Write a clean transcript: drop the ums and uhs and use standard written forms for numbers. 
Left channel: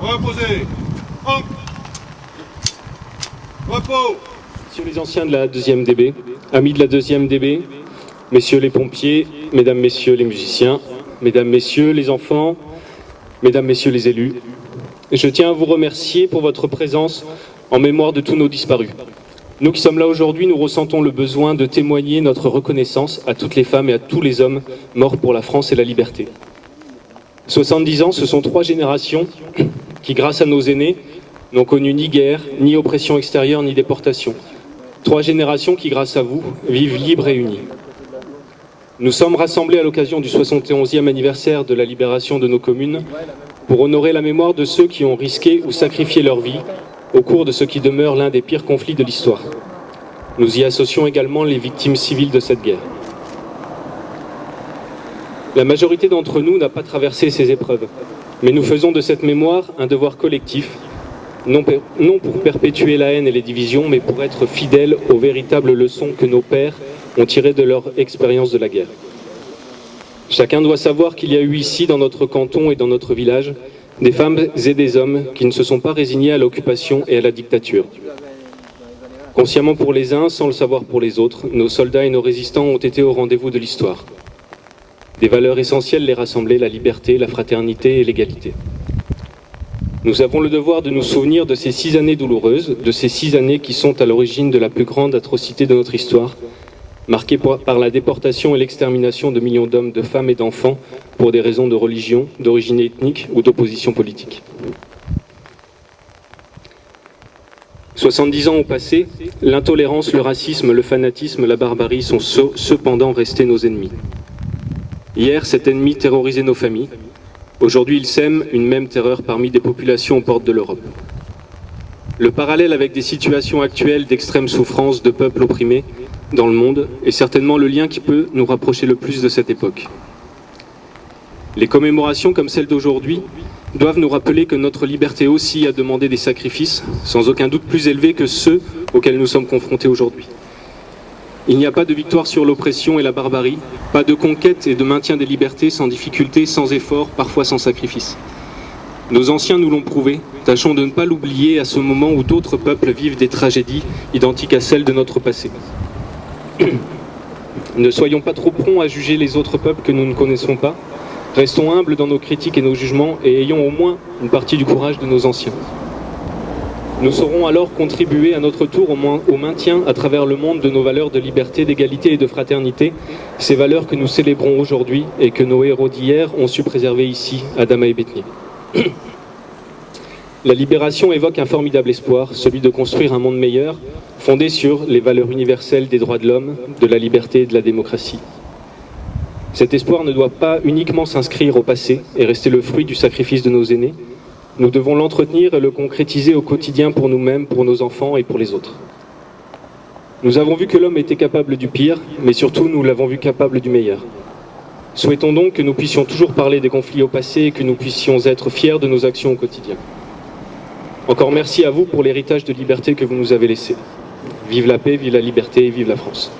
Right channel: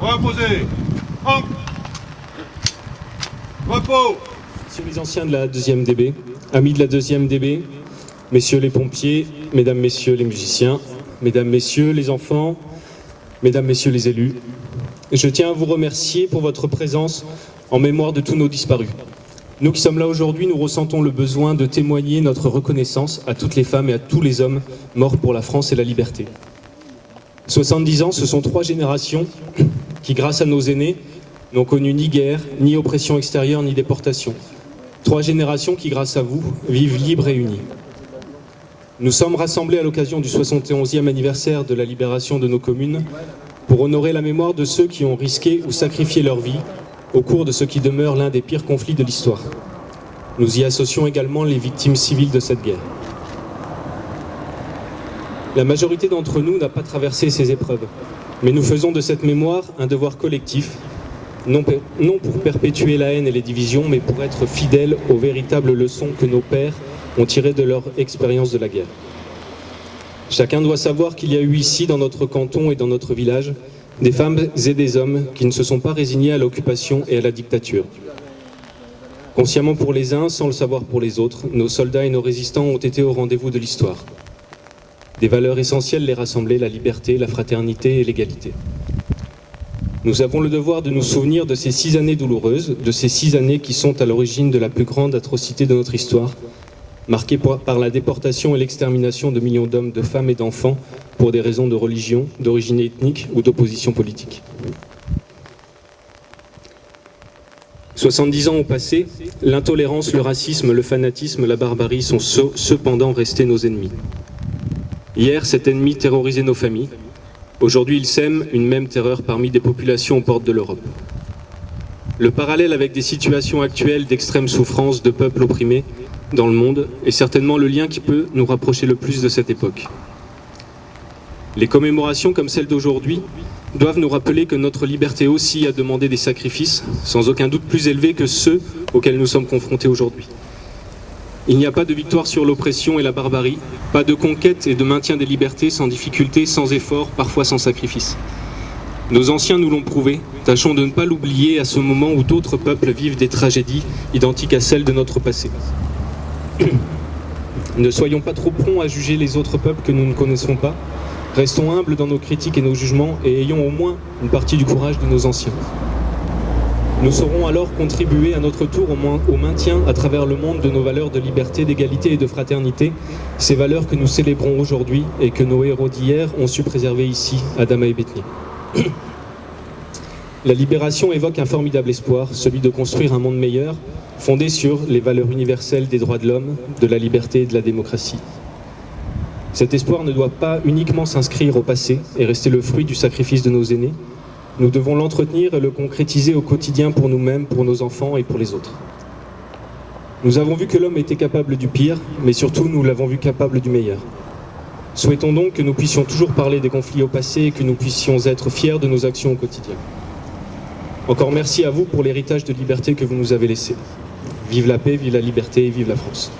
Reposez. En. Repos. Messieurs les anciens de la 2e DB, amis de la 2e DB, messieurs les pompiers, mesdames, messieurs les musiciens, mesdames, messieurs les enfants, mesdames, messieurs les élus, je tiens à vous remercier pour votre présence en mémoire de tous nos disparus. Nous qui sommes là aujourd'hui, nous ressentons le besoin de témoigner notre reconnaissance à toutes les femmes et à tous les hommes morts pour la France et la liberté. 70 ans, ce sont 3 générations qui, grâce à nos aînés, n'ont connu ni guerre, ni oppression extérieure, ni déportation. 3 générations qui, grâce à vous, vivent libres et unies. Nous sommes rassemblés à l'occasion du 71e anniversaire de la libération de nos communes pour honorer la mémoire de ceux qui ont risqué ou sacrifié leur vie au cours de ce qui demeure l'un des pires conflits de l'histoire. Nous y associons également les victimes civiles de cette guerre. La majorité d'entre nous n'a pas traversé ces épreuves, mais nous faisons de cette mémoire un devoir collectif, non pour perpétuer la haine et les divisions, mais pour être fidèles aux véritables leçons que nos pères ont tirées de leur expérience de la guerre. Chacun doit savoir qu'il y a eu ici, dans notre canton et dans notre village, des femmes et des hommes qui ne se sont pas résignés à l'occupation et à la dictature. Consciemment pour les uns, sans le savoir pour les autres, nos soldats et nos résistants ont été au rendez-vous de l'histoire. Des valeurs essentielles les rassemblaient, la liberté, la fraternité et l'égalité. Nous avons le devoir de nous souvenir de ces 6 années douloureuses, de ces 6 années qui sont à l'origine de la plus grande atrocité de notre histoire, marquée par la déportation et l'extermination de millions d'hommes, de femmes et d'enfants pour des raisons de religion, d'origine ethnique ou d'opposition politique. 70 ans ont passé, l'intolérance, le racisme, le fanatisme, la barbarie sont cependant restés nos ennemis. Hier, cet ennemi terrorisait nos familles. Aujourd'hui, il sème une même terreur parmi des populations aux portes de l'Europe. Le parallèle avec des situations actuelles d'extrême souffrance de peuples opprimés dans le monde est certainement le lien qui peut nous rapprocher le plus de cette époque. Les commémorations comme celle d'aujourd'hui doivent nous rappeler que notre liberté aussi a demandé des sacrifices, sans aucun doute plus élevés que ceux auxquels nous sommes confrontés aujourd'hui. Il n'y a pas de victoire sur l'oppression et la barbarie, pas de conquête et de maintien des libertés sans difficulté, sans effort, parfois sans sacrifice. Nos anciens nous l'ont prouvé, tâchons de ne pas l'oublier à ce moment où d'autres peuples vivent des tragédies identiques à celles de notre passé. Ne soyons pas trop prompts à juger les autres peuples que nous ne connaissons pas, restons humbles dans nos critiques et nos jugements et ayons au moins une partie du courage de nos anciens. Nous saurons alors contribuer à notre tour au maintien à travers le monde de nos valeurs de liberté, d'égalité et de fraternité, ces valeurs que nous célébrons aujourd'hui et que nos héros d'hier ont su préserver ici, à Dama et Bétheny. La libération évoque un formidable espoir, celui de construire un monde meilleur, fondé sur les valeurs universelles des droits de l'homme, de la liberté et de la démocratie. Cet espoir ne doit pas uniquement s'inscrire au passé et rester le fruit du sacrifice de nos aînés. Nous devons l'entretenir et le concrétiser au quotidien pour nous-mêmes, pour nos enfants et pour les autres. Nous avons vu que l'homme était capable du pire, mais surtout nous l'avons vu capable du meilleur. Souhaitons donc que nous puissions toujours parler des conflits au passé et que nous puissions être fiers de nos actions au quotidien. Encore merci à vous pour l'héritage de liberté que vous nous avez laissé. Vive la paix, vive la liberté et vive la France.